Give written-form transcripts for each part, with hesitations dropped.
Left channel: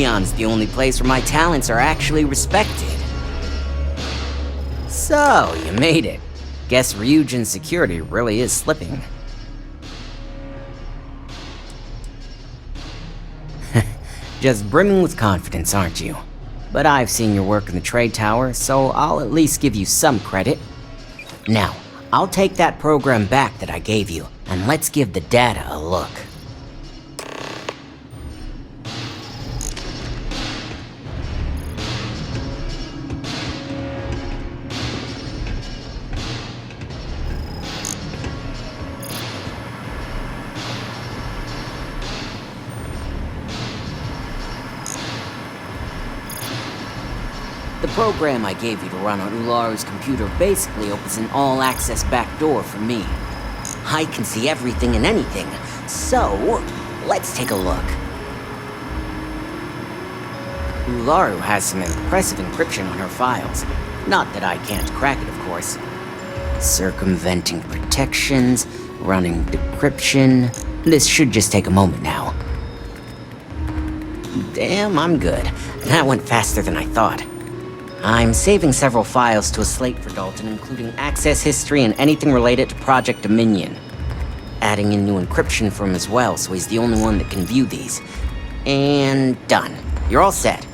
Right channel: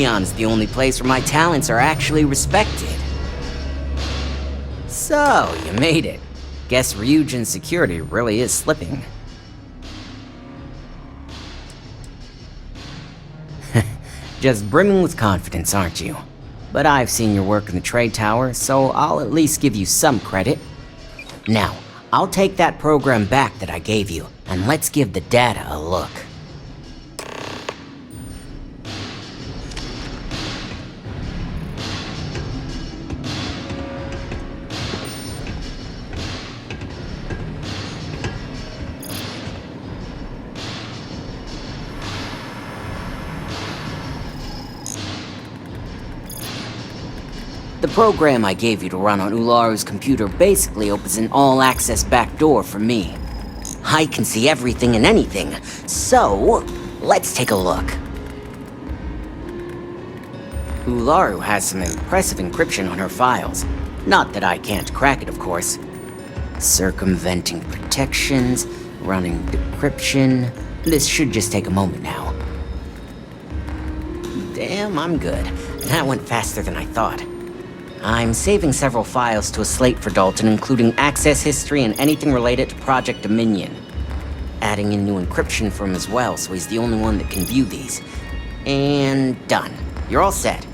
Neon is the only place where my talents are actually respected. So, you made it. Guess Ryujin's security really is slipping. Just brimming with confidence, aren't you? But I've seen your work in the trade tower, so I'll at least give you some credit. Now, I'll take that program back that I gave you, and let's give the data a look. The program I gave you to run on Ularu's computer basically opens an all-access backdoor for me. I can see everything and anything, so let's take a look. Ularu has some impressive encryption on her files. Not that I can't crack it, of course. Circumventing protections, running decryption. This should just take a moment now. Damn, I'm good. That went faster than I thought. I'm saving several files to a slate for Dalton, including access history and anything related to Project Dominion. Adding in new encryption for him as well, so he's the only one that can view these. And done. You're all set.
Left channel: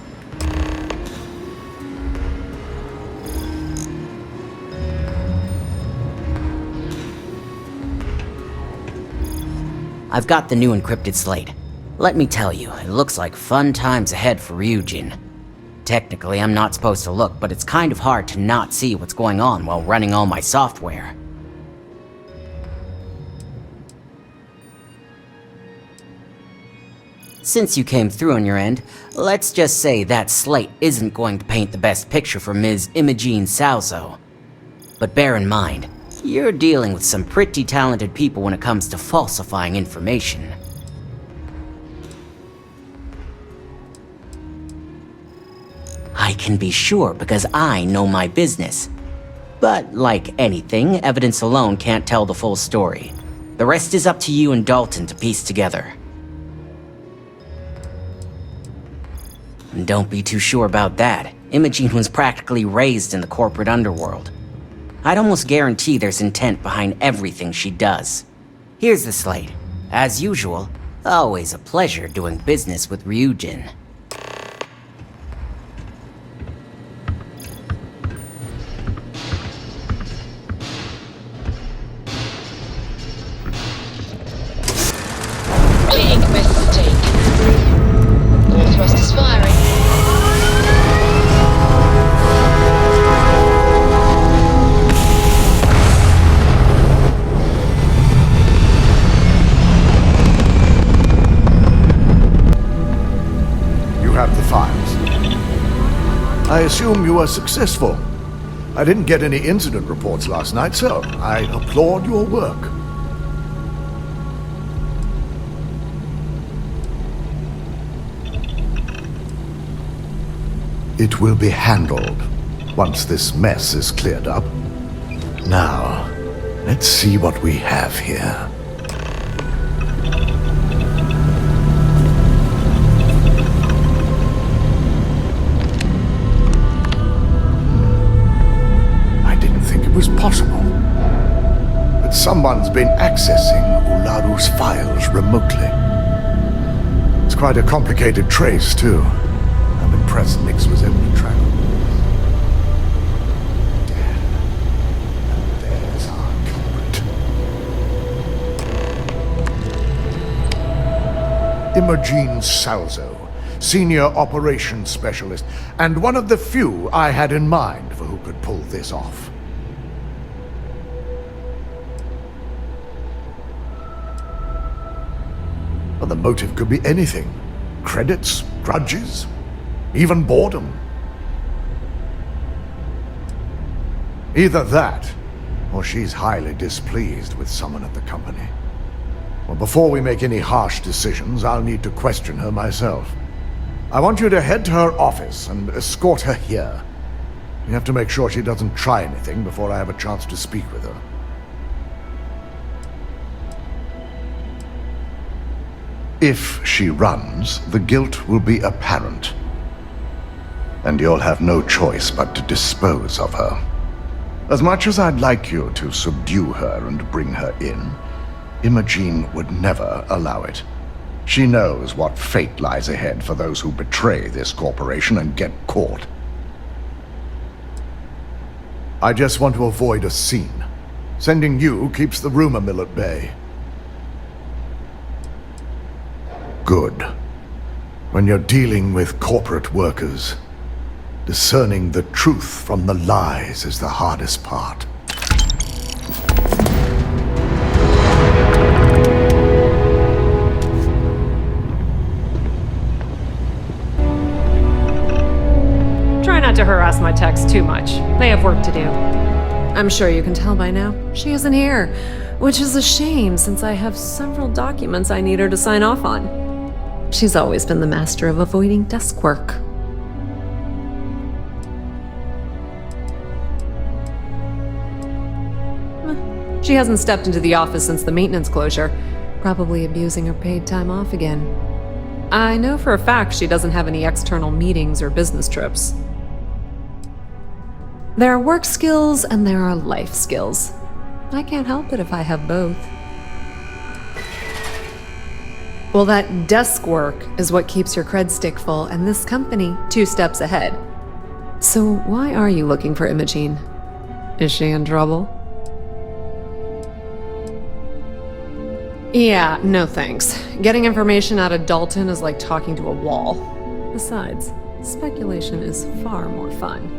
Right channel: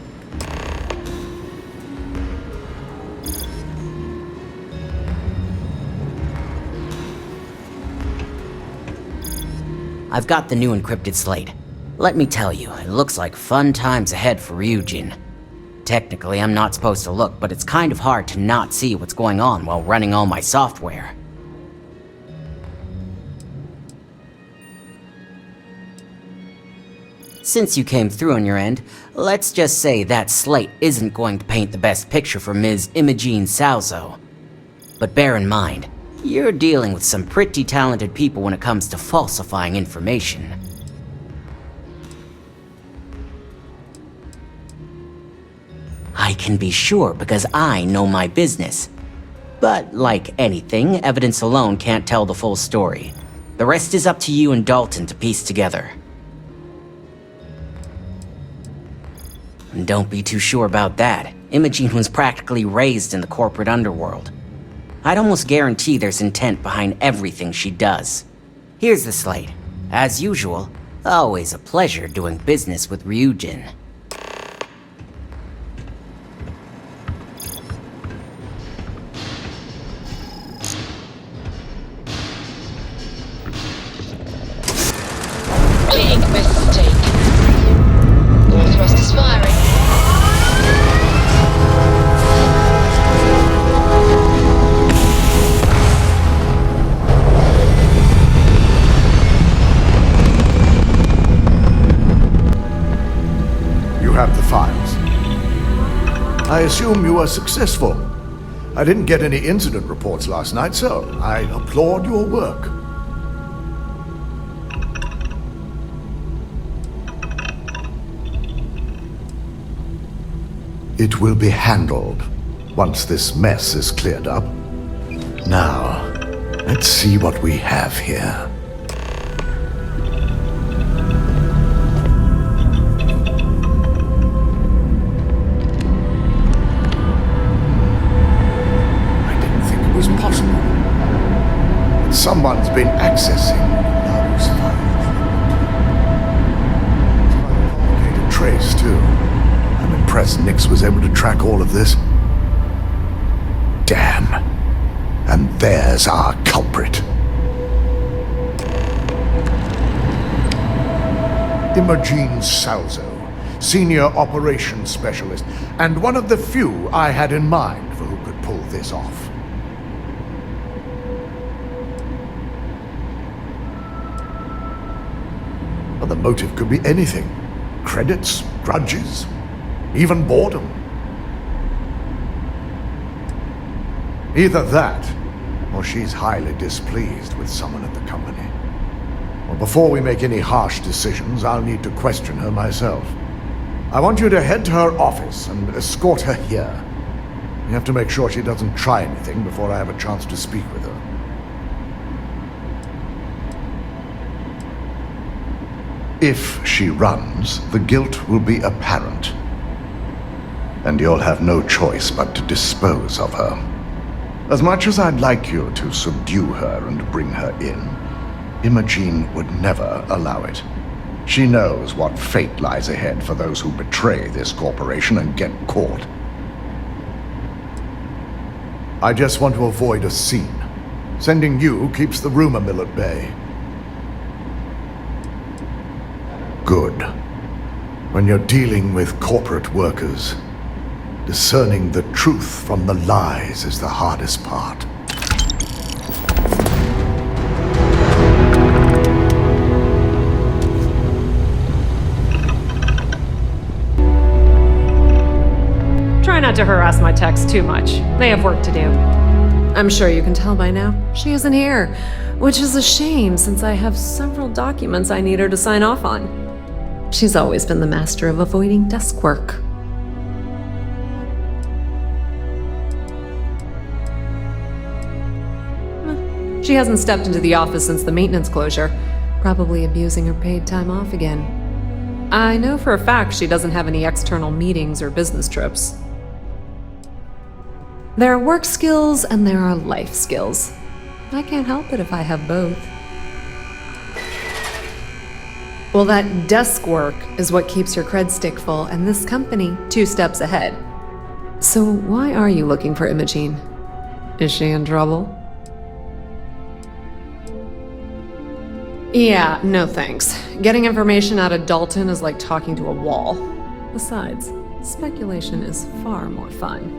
I've got the new encrypted slate. Let me tell you, it looks like fun times ahead for Ryujin. Technically, I'm not supposed to look, but it's kind of hard to not see what's going on while running all my software. Since you came through on your end, let's just say that slate isn't going to paint the best picture for Ms. Imogene Salzo. But bear in mind, you're dealing with some pretty talented people when it comes to falsifying information. I can be sure because I know my business. But like anything, evidence alone can't tell the full story. The rest is up to you and Dalton to piece together. And don't be too sure about that. Imogene was practically raised in the corporate underworld. I'd almost guarantee there's intent behind everything she does. Here's the slate. As usual, always a pleasure doing business with Ryujin. Big mistake. All thrusters firing. You have the files. I assume you were successful. I didn't get any incident reports last night, so I applaud your work. It will be handled once this mess is cleared up. Now, let's see what we have here. I didn't think it was possible that someone's been accessing Ularu's files remotely. It's quite a complicated trace, too. I'm impressed Nix was able to track all of this. Damn. And there's our culprit. Imogene Salzo, Senior Operations Specialist, and one of the few I had in mind for who could pull this off. Well, the motive could be anything. Credits, grudges, even boredom. Either that, or she's highly displeased with someone at the company. Well, before we make any harsh decisions, I'll need to question her myself. I want you to head to her office and escort her here. You have to make sure she doesn't try anything before I have a chance to speak with her. If she runs, the guilt will be apparent. And you'll have no choice but to dispose of her. As much as I'd like you to subdue her and bring her in, Imogene would never allow it. She knows what fate lies ahead for those who betray this corporation and get caught. I just want to avoid a scene. Sending you keeps the rumor mill at bay. Good. When you're dealing with corporate workers, discerning the truth from the lies is the hardest part. Try not to harass my techs too much. They have work to do. I'm sure you can tell by now, she isn't here, which is a shame since I have several documents I need her to sign off on. She's always been the master of avoiding desk work. She hasn't stepped into the office since the maintenance closure, probably abusing her paid time off again. I know for a fact she doesn't have any external meetings or business trips. There are work skills and there are life skills. I can't help it if I have both. Well, that desk work is what keeps your cred stick full, and this company 2 steps ahead. So why are you looking for Imogene? Is she in trouble? Yeah, no thanks. Getting information out of Dalton is like talking to a wall. Besides, speculation is far more fun.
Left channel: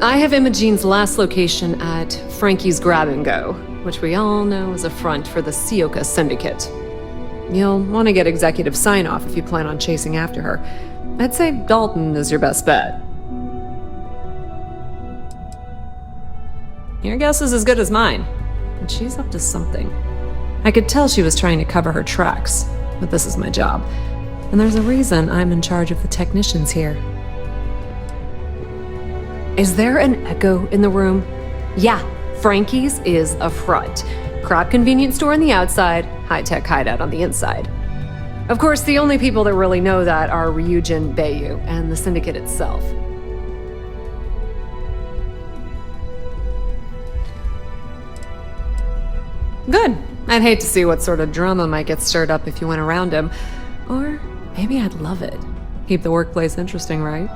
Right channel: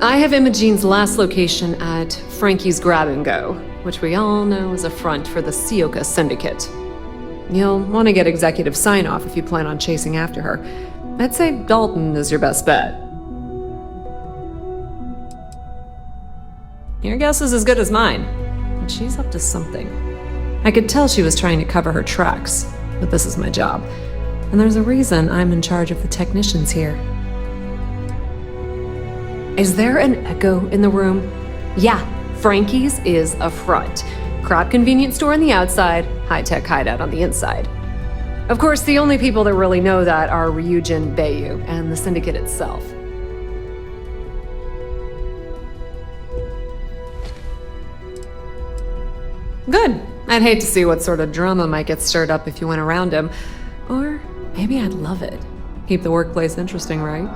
I have Imogene's last location at Frankie's Grab and Go, which we all know is a front for the Sioka Syndicate. You'll want to get executive sign-off if you plan on chasing after her. I'd say Dalton is your best bet. Your guess is as good as mine, and she's up to something. I could tell she was trying to cover her tracks, but this is my job, and there's a reason I'm in charge of the technicians here. Is there an echo in the room? Yeah, Frankie's is a front. Crap convenience store on the outside, high-tech hideout on the inside. Of course, the only people that really know that are Ryujin Bayu and the Syndicate itself. Good. I'd hate to see what sort of drama might get stirred up if you went around him. Or maybe I'd love it. Keep the workplace interesting, right?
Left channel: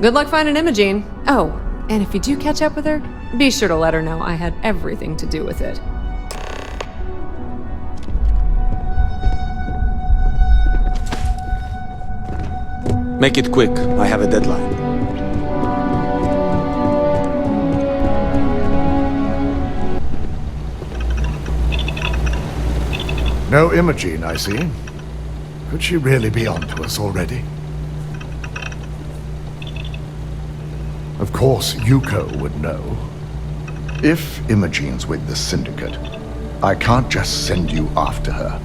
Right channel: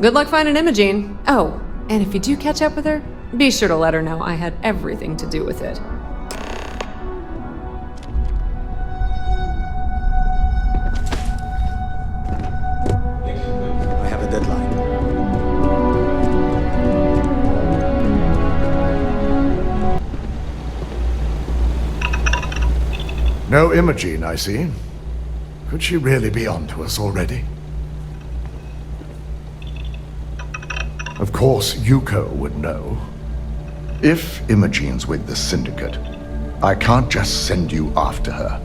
Good luck finding Imogene. Oh, and if you do catch up with her, be sure to let her know I had everything to do with it. Make it quick. I have a deadline. No Imogene, I see. Could she really be on to us already? Of course, Yuko would know. If Imogene's with the Syndicate, I can't just send you after her.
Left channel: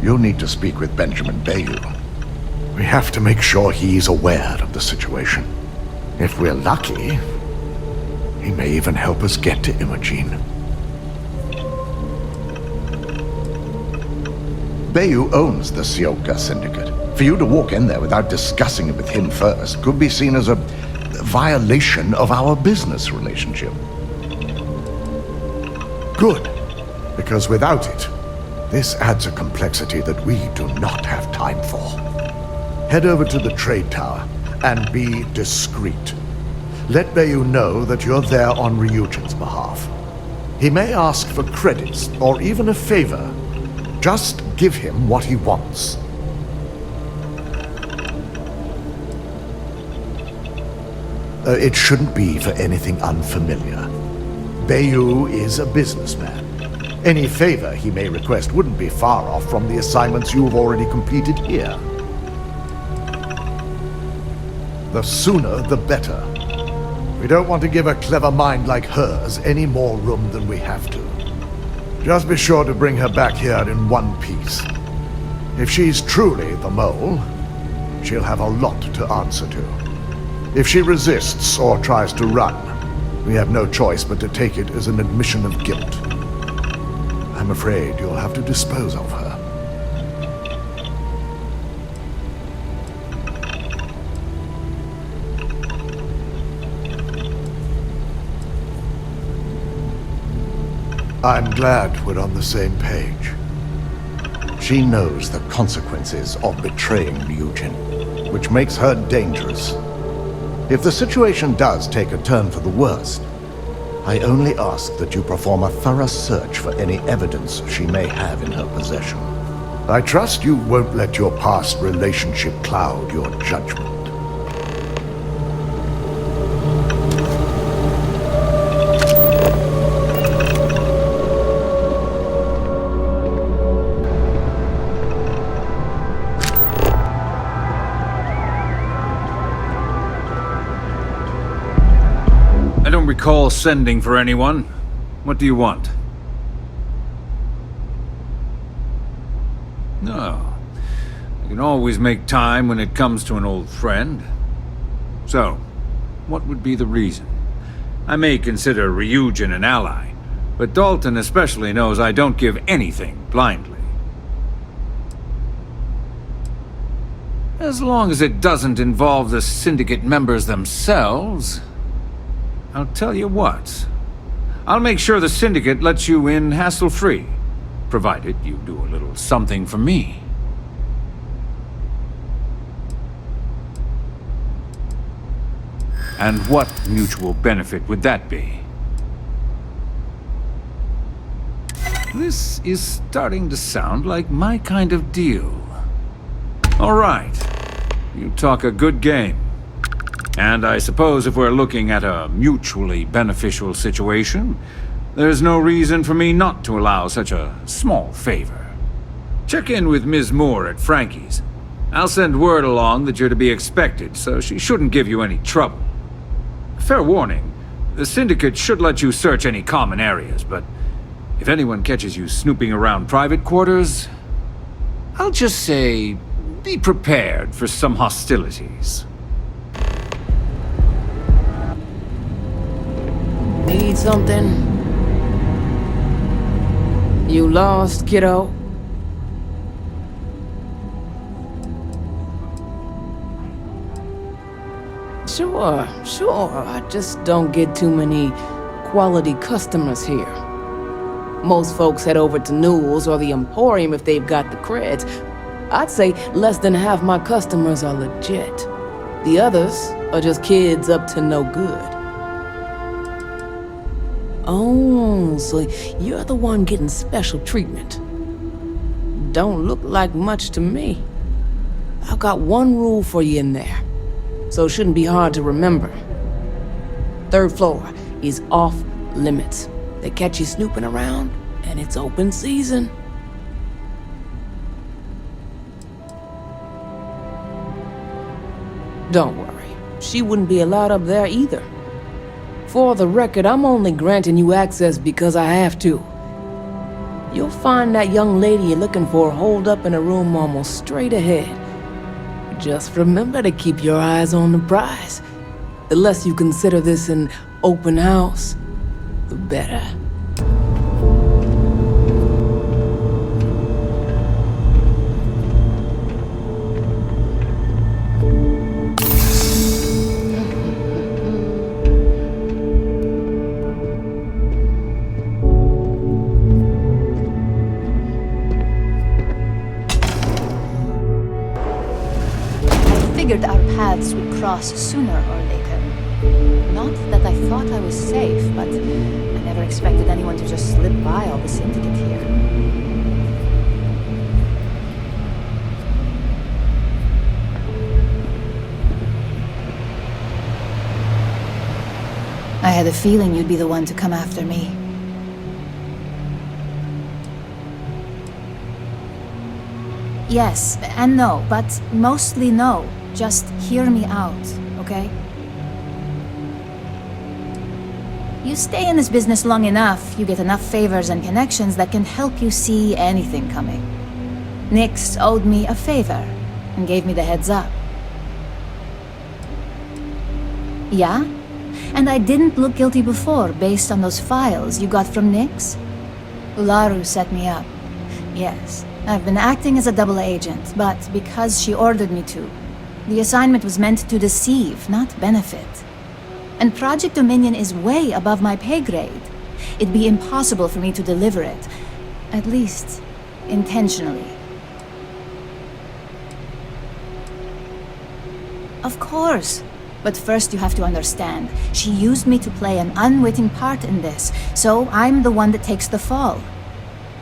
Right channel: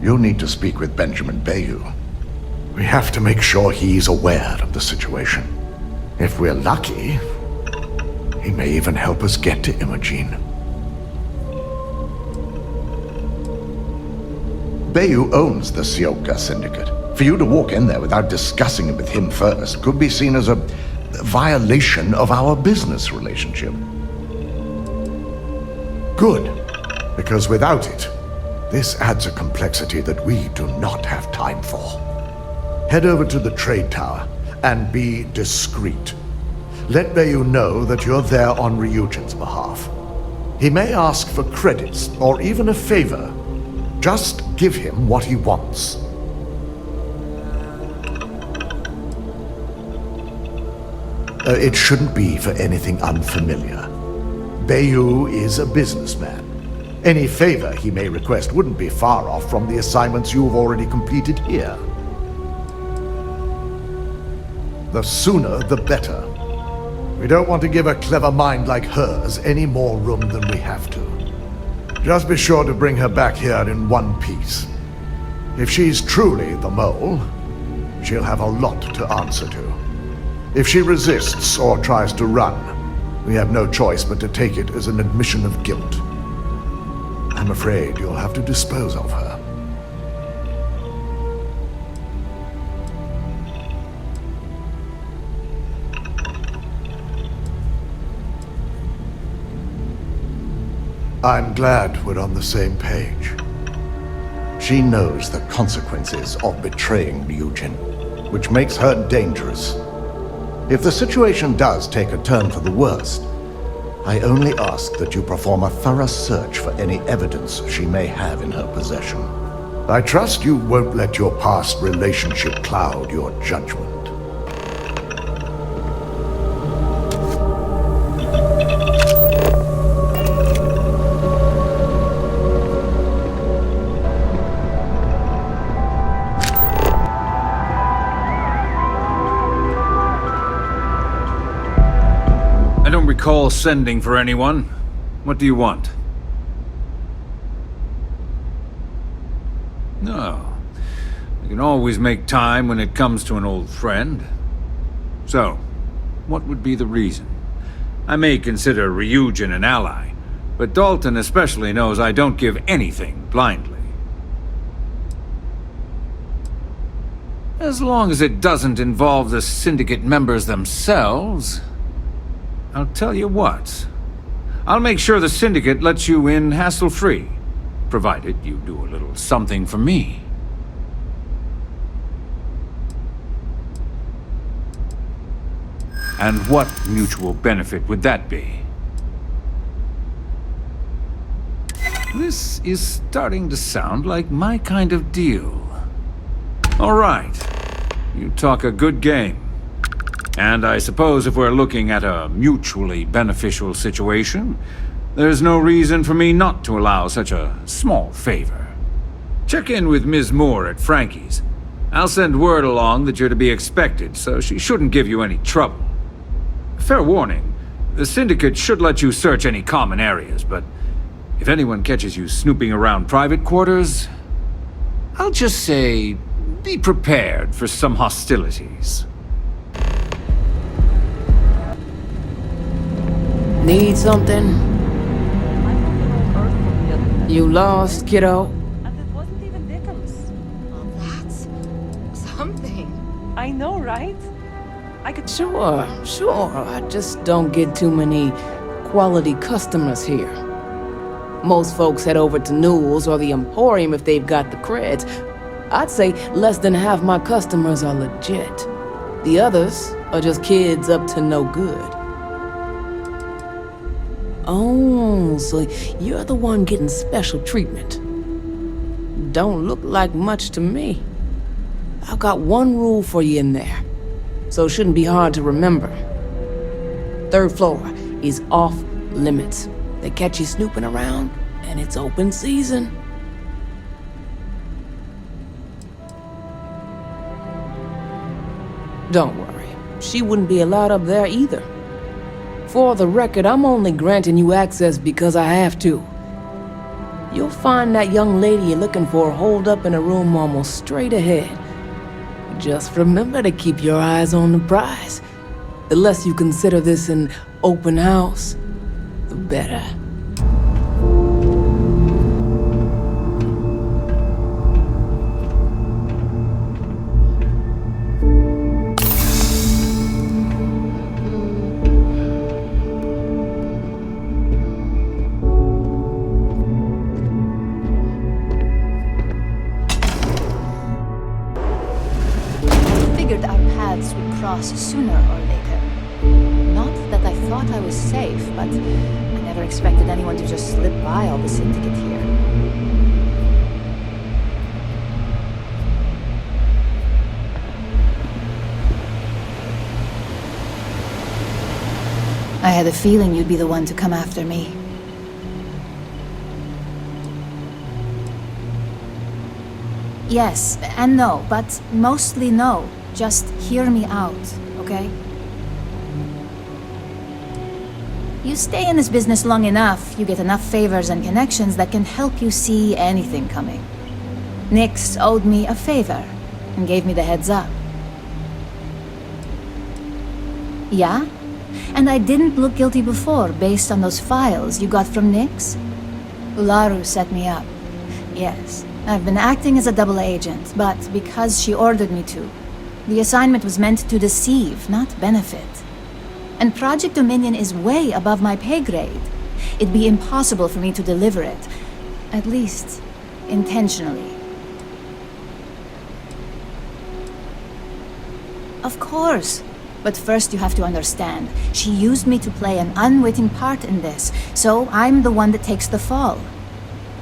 You'll need to speak with Benjamin Bayu. We have to make sure he's aware of the situation. If we're lucky, he may even help us get to Imogene. Bayu owns the Sioka Syndicate. For you to walk in there without discussing it with him first could be seen as a violation of our business relationship. Good, because without it, this adds a complexity that we do not have time for. Head over to the trade tower and be discreet. Let Bayu know that you're there on Ryujin's behalf. He may ask for credits or even a favor. Just give him what he wants. It shouldn't be for anything unfamiliar. Bayu is a businessman. Any favor he may request wouldn't be far off from the assignments you've already completed here. The sooner, the better. We don't want to give a clever mind like hers any more room than we have to. Just be sure to bring her back here in one piece. If she's truly the mole, she'll have a lot to answer to. If she resists or tries to run, we have no choice but to take it as an admission of guilt. I'm afraid you'll have to dispose of her. I'm glad we're on the same page. She knows the consequences of betraying Ryujin, which makes her dangerous. If the situation does take a turn for the worst, I only ask that you perform a thorough search for any evidence she may have in her possession. I trust you won't let your past relationship cloud your judgment. I don't recall sending for anyone. What do you want? No. I can always make time when it comes to an old friend. So, what would be the reason? I may consider Ryujin an ally, but Dalton especially knows I don't give anything blindly. As long as it doesn't involve the Syndicate members themselves, I'll tell you what. I'll make sure the Syndicate lets you in hassle-free, provided you do a little something for me. And what mutual benefit would that be? This is starting to sound like my kind of deal. All right. You talk a good game. And I suppose if we're looking at a mutually beneficial situation, there's no reason for me not to allow such a small favor. Check in with Ms. Moore at Frankie's. I'll send word along that you're to be expected, so she shouldn't give you any trouble. Fair warning, the Syndicate should let you search any common areas, but if anyone catches you snooping around private quarters, I'll just say, be prepared for some hostilities. Need something? You lost, kiddo? Something. I know, right? I could. Sure. I just don't get too many quality customers here. Most folks head over to Newell's or the Emporium if they've got the creds. I'd say less than half my customers are legit. The others are just kids up to no good. Oh, so you're the one getting special treatment. Don't look like much to me. I've got one rule for you in there, so it shouldn't be hard to remember. Third floor is off limits. They catch you snooping around, and it's open season. Don't worry, she wouldn't be allowed up there either. For the record, I'm only granting you access because I have to. You'll find that young lady you're looking for holed up in a room almost straight ahead. Just remember to keep your eyes on the prize. The less you consider this an open house, the better. Figured our paths would cross sooner or later. Not that I thought I was safe, but I never expected anyone to just slip by all the Syndicate here. I had a feeling you'd be the one to come after me. Yes and no, but mostly no. Just hear me out, okay? You stay in this business long enough, you get enough favors and connections that can help you see anything coming. Nix owed me a favor and gave me the heads up. Yeah? And I didn't look guilty before based on those files you got from Nix? Ularu set me up. Yes, I've been acting as a double agent, but because she ordered me to. The assignment was meant to deceive, not benefit. And Project Dominion is way above my pay grade. It'd be impossible for me to deliver it. At least, intentionally. Of course. But first you have to understand, she used me to play an unwitting part in this, so I'm the one that takes the fall.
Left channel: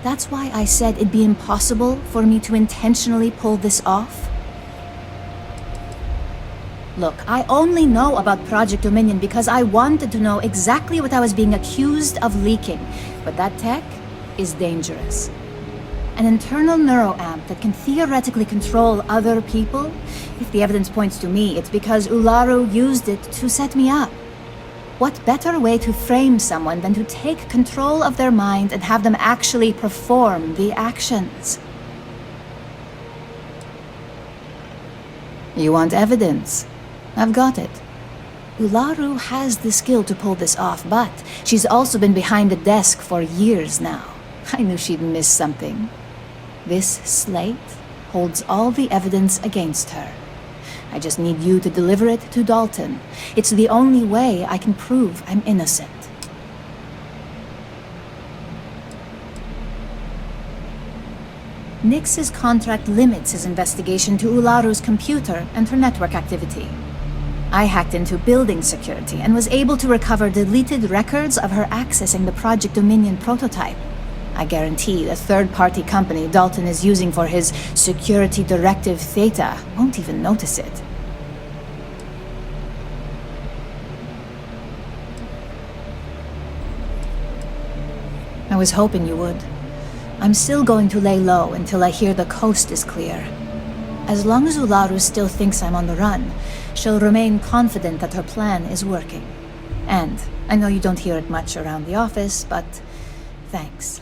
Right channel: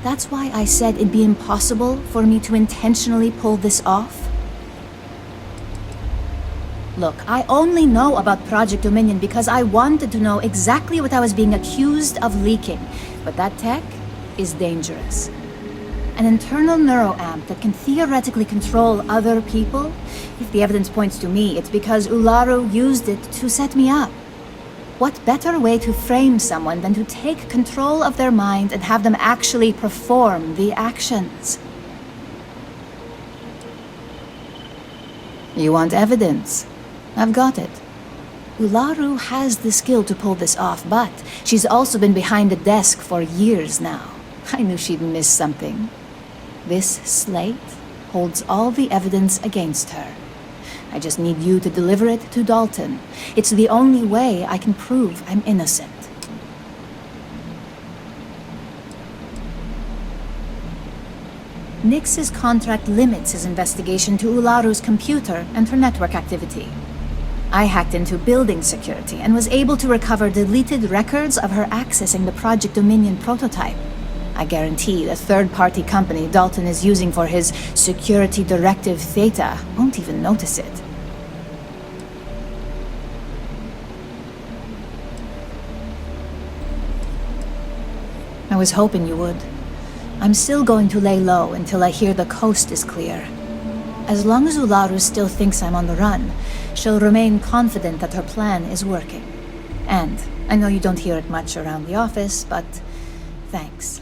That's why I said it'd be impossible for me to intentionally pull this off. Look, I only know about Project Dominion because I wanted to know exactly what I was being accused of leaking, but that tech is dangerous. An internal neuroamp that can theoretically control other people? If the evidence points to me, it's because Ularu used it to set me up. What better way to frame someone than to take control of their mind and have them actually perform the actions? You want evidence? I've got it. Ularu has the skill to pull this off, but she's also been behind the desk for years now. I knew she'd miss something. This slate holds all the evidence against her. I just need you to deliver it to Dalton. It's the only way I can prove I'm innocent. Nix's contract limits his investigation to Ularu's computer and her network activity. I hacked into building security and was able to recover deleted records of her accessing the Project Dominion prototype. I guarantee the third-party company Dalton is using for his security directive Theta won't even notice it. I was hoping you would. I'm still going to lay low until I hear the coast is clear. As long as Ularu still thinks I'm on the run, she'll remain confident that her plan is working. And I know you don't hear it much around the office, but thanks.